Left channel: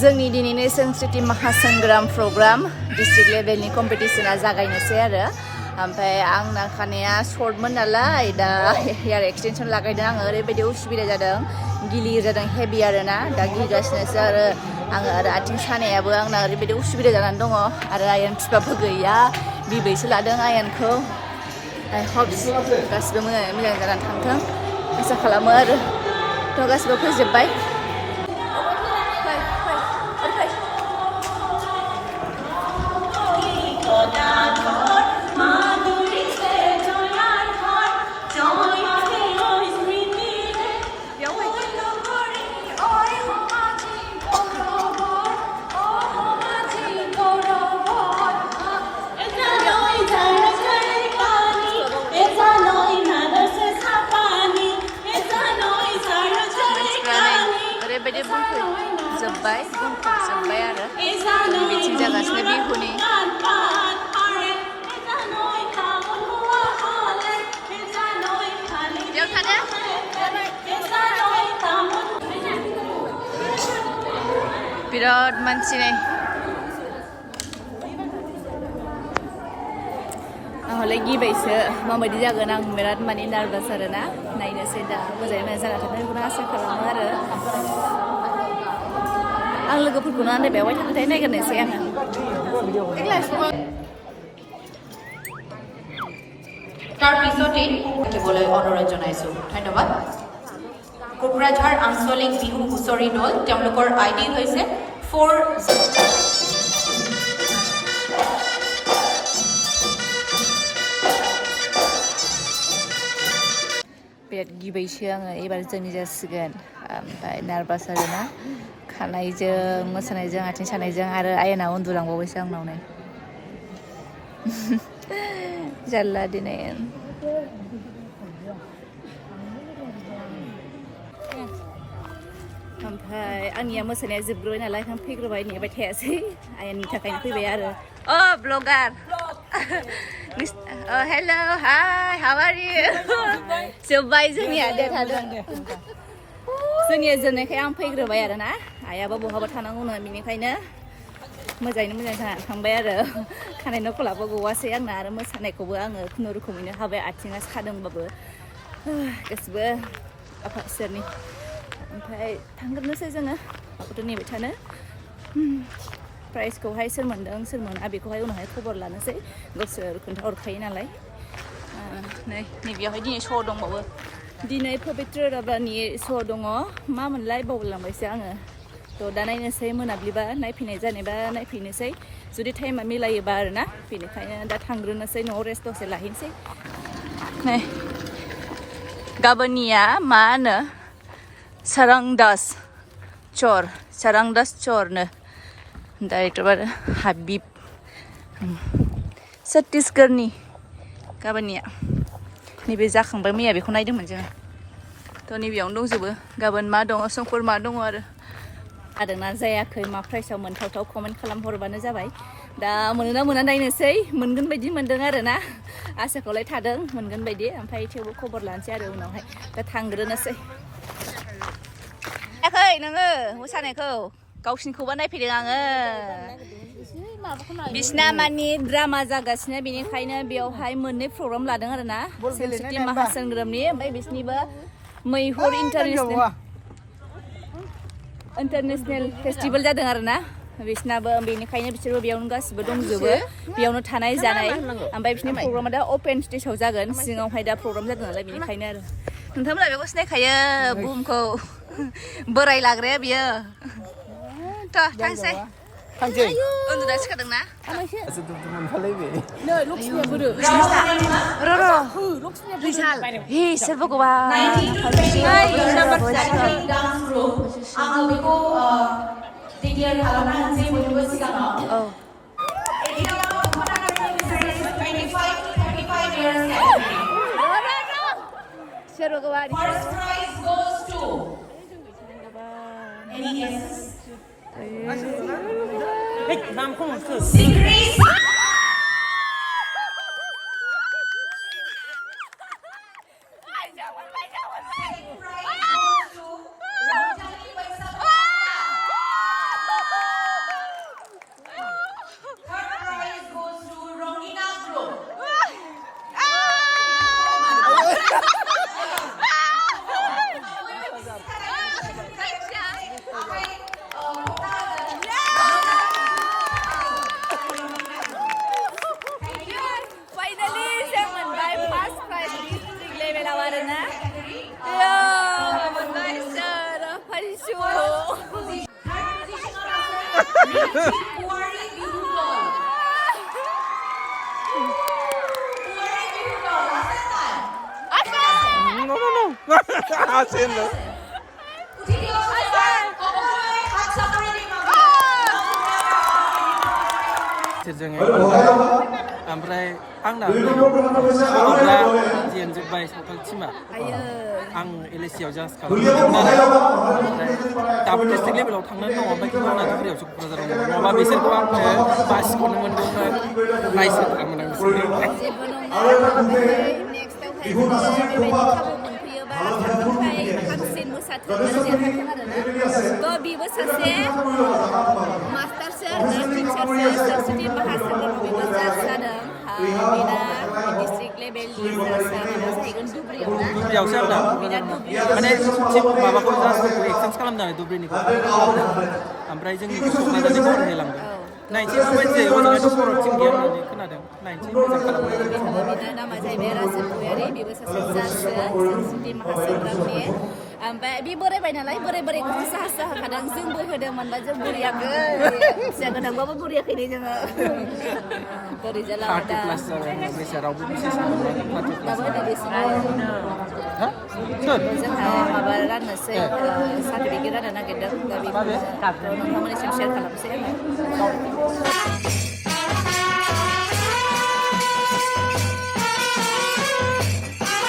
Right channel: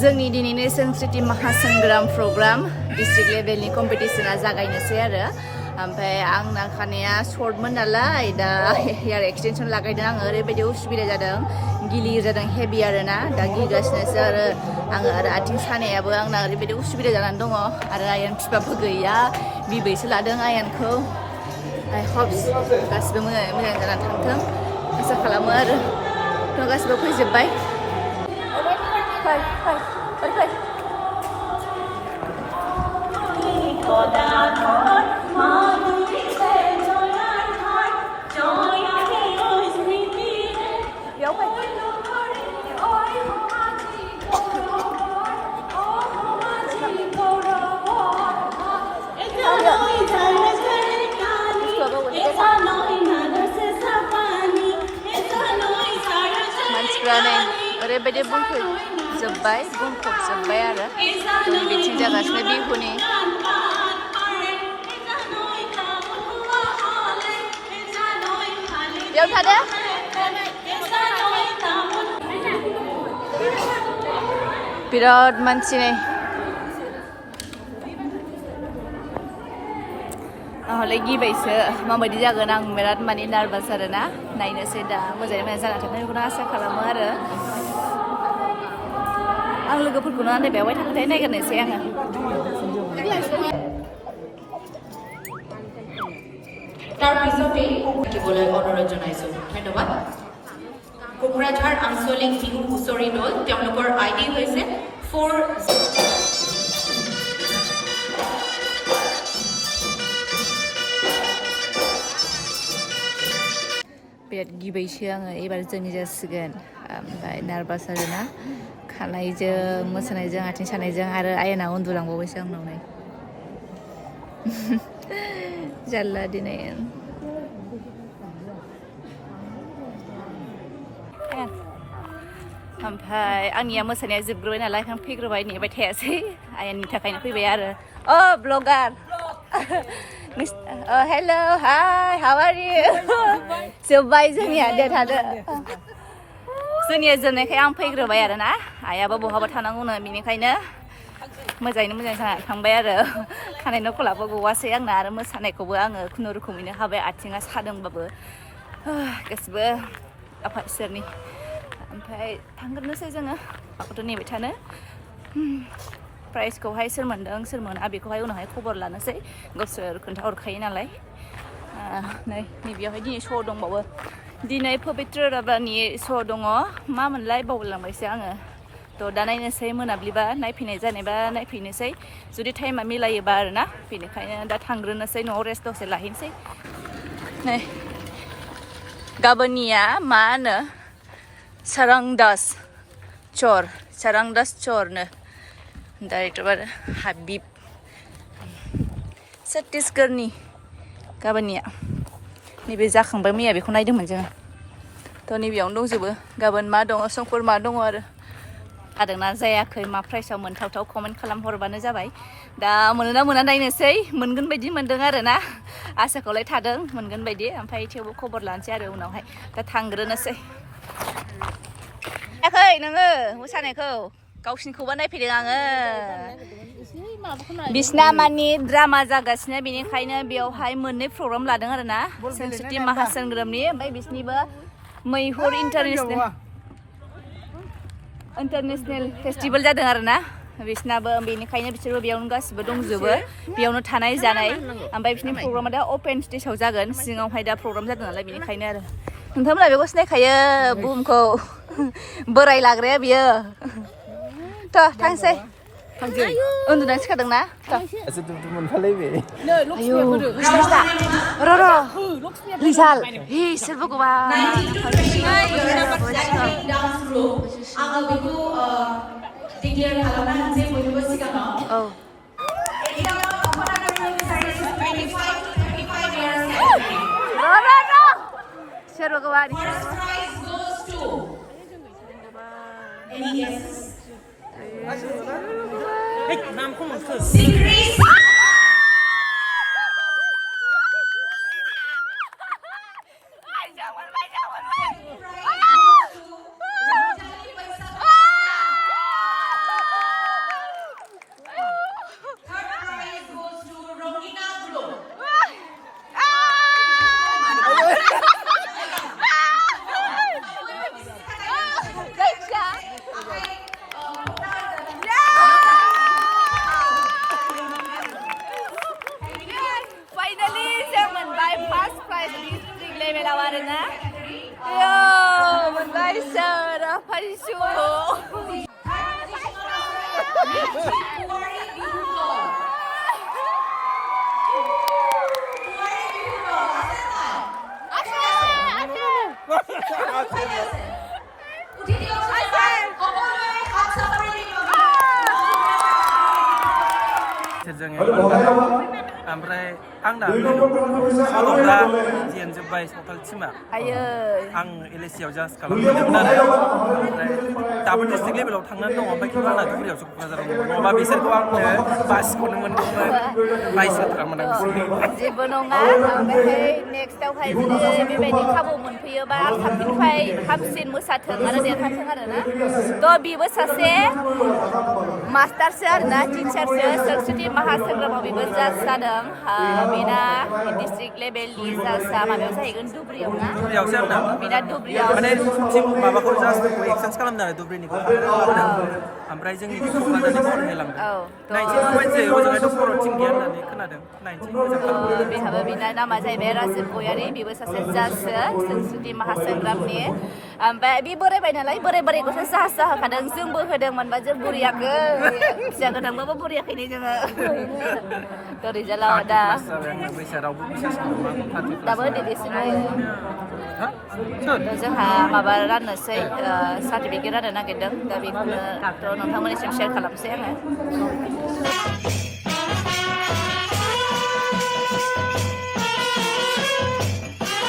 जोंनि दिनैनि संस्कृति महासंग्राम प्रग्राम डिस्ट्रिक्ट लेभेलनि कम्पिटिशना जागायनोसै आरो ओमफ्राय आंना खानाया शर्टमोन नालाय दा हेयार एक्सटेनसन लागायदों आङो ओरैबायदि उसुबिदा जादों गिलिर जादों हेभि आरोना दा गिगासिनोसो आरो आङो आरो आथिं सानायाबो आंना ओरैबायदि उसुबिदा जानानै दङ आरो आयेन बिफाबो गैया बिबैसो लादों आयेनखौ आइ हप्स गासिबो मोजां जानानै थांथों आसा खालामो आरो थ' गासिबो फैजोब्बाय मानसिफ्रा नै ओरैबायदि बुंफबजोब्बाय आरो जोंनि बिथिं जागासिनो बिहुनि बेयाव थादो बिराद मानसि नै आंहले गिबायसो माबायदि जागोन आं बिराद माने नार्भास आरोना नायनोसै दा मोजाङै मोजां जाना थागोन बेखौनो आसा खालामो आरो आं लोगोफोरखौनो आन्दायबाय थाखाय नायग्रोनोसै आङो তাৰ পিছতে থাকিবলৈ অনুৰোধ জনাইছো ধন্যবাদ কোকৰাঝাৰ আঞ্চলিক বিহু হুঁচৰি দল তেওঁলোকৰ আইডি হৈছে 4 बिराद गिबायसो आङो एबार जोंनि जासिगोन ओमफ्राय नार्भास आरोना खानायजों मोसानायजों आथिं सानायजों आरो आयेना उन्दुलांबावबायसो आंनाव नै जारला दिनै ओमफ्राय आंनिया मोसानाया जोबग्रोबाय नालाय आं फैग्रोबाय नेबाय थायासै आयेननि थाखायनो फैबाय आरो blogger hello' hi how R U जोब्बाय जोंनिया दे थादो जोंनिया जोबनायखाय आं फैग्रोबाय आरोना आइयाबो बहाबा थानांगौनो बेनिखायनो मोजाङैनो मोजां जानानै थांबाय आरो खानाय नखलाबो गवासै आंना आरो मोसानायखौबो आङो खुनुरुखुमैनो हाबाय आथिङा सादोंबाबो गासिबो आफा इसोरनि ओमफ्राय थांग्रोनोसै जोङो माखौथ' नेबाय थानो प्राइजखौहाय सोर मोनदों सोर मोना बेखौहाय उनावहाय खबर लानोसै गावसोर खोन्थाहरखायो नालाय नैबेयावहाय दिनै श' दंबावो दिनै पबित्र राभानि श' दङ मा मोनलाय बावलांबायसो आङो थ' दा नायनोसै मोनाब्लिबा नायफैनाय जानायबा नायफैनोसै जुदि टाइमा मिलायोबा आरोना बेनिखायनो दा थांग्रोनोसै न'आव रेस्ट दसे लाहैनोसै नै गाबोननिया मा होनो सारांदास चरनो डाइरेक्टर आरो हाबिब छत्तीसगढ़नि गाबोननिया नैबे जाखांबाय मैया बेखौ नायदोंमोन जोङो थ' नैबेयावनो दंजोबो गाबोन मा दङ समफोर मा दङ आरो जादोंना जायाखै मा प्राइजआव मोनथावथाव कमेन्ट खालामहरबानो जाबाय दा मोनोना मोना नायनोसै मोनगोन बायदि मोनदों आरोना आसाखौलाय थादों मोनगोन बायदि ओमफ्राय थेवबो खबर लानोसै आरो उनावहाय दा थांग्रोनोसै नायाखै नोङो मोसानायखौ गावसिनिखौबा नायफैदों आङो बिसिना मानि ड्रामा जागासिनो बेनिखायनो बेयावहाय मोननै प्रग्राम लादों आरोना संस्कृति महासंग्रामनि ओमफ्राय बिसिनिबो मैहुर इन्टारनेसनेल फेस्टिभेल जादों आरोना बिसिनाबो बेनिखायनो बिसोरबो बेयावनो गासिबो दंजोबो बेयावनो थानाय जानाय ओमफ्राय बिसिनि प्रग्रामा दा अपेन स्टेजाव जागोन सिङावहाय दा प्रग्राम जादों नालाय बेनिखायनो आरो नोंथांमोना बेखौ सिनायखायो बुहुमखौ बोराय लाग्राया बियो थ' थांसै उन्दुनानै सिखारदोंना र' रिजाल्ट सोर भगवान आङो बेखौ डिक्लेयार खालामना होनसै बयनिबो सिगाङाव सोर भगवान First prize goes to any guesses? Finally जों मोनबाय फार्स्ट प्राइज डिस्ट्रिक्ट लेभेलाव आरोना मोनबाय सार फाइसु ओमफ्राय आंना गथ'फ्रा जेनजोब्बाय सावथाल टिमा आं एलएसियाव जास्ट खालामदोंमोन आरो ओमफ्राय दाबो डिस्ट्रिक्ट लेभेलाव थांनानै दङ ओमफ्राय खिन्थु आंना धुबुरियावसो क'क्राझाराव दङ नङाबा बिसोरखौ आङो बासिखौनो मोनदोंमोन बाइस होथारामोन आं बिसोरखौ जेबो नङा ओमफ्राय नेक्स्टआवहाय जुदि बेबायदि खाबु मोनफैयोबा साबसिननिफ्राय हामसिन मोसाथों आरो देरहाथों आरोना थ' बेबो सासे मास्टारसो आरोना टिचारसो सरस्वती महासंग्रामाव बेबो जाज जादों बेना डिस्ट्रिक्ट लेभेलनि जाजआ माबायाव जाहैगोन धुबुरियाव ना धुबुरियावसो आंना बेना धुबुरियाव माने माबाखौ जाजफोरखौ एक्सचेन्ज खालामदों आरो धुबुरिनिखौ ओमफ्राय जोंनिखौ क'क्राझारनिखौ हरलायलांदों 19 पइन्ट जायो ओजोंहायथ' बर' टिम गैया होननानै खोनादों 19 मोजां खालामदों बेहाबो बेना नामा जाहैबाय राजिब गयारि बेबो सासे जाजसो सरस्वती महासंग्रामनि ओमफ्राय बे बोरायबाय नालाय बोरायखौसो साहस जाहोखादों जोंबो होदोंमोनबा जों बुरियाखै फिसा गोनांबाबो बुरियाखैनो जोङो थ' रिजाल्टआव दा दाबो दिनैसिमबो जोंहा माबा राननोसै सार्टिफिकेट राननो नागिरदों दा बेखौनो नोंथांमोननिसिम शेयार खालामसै आङो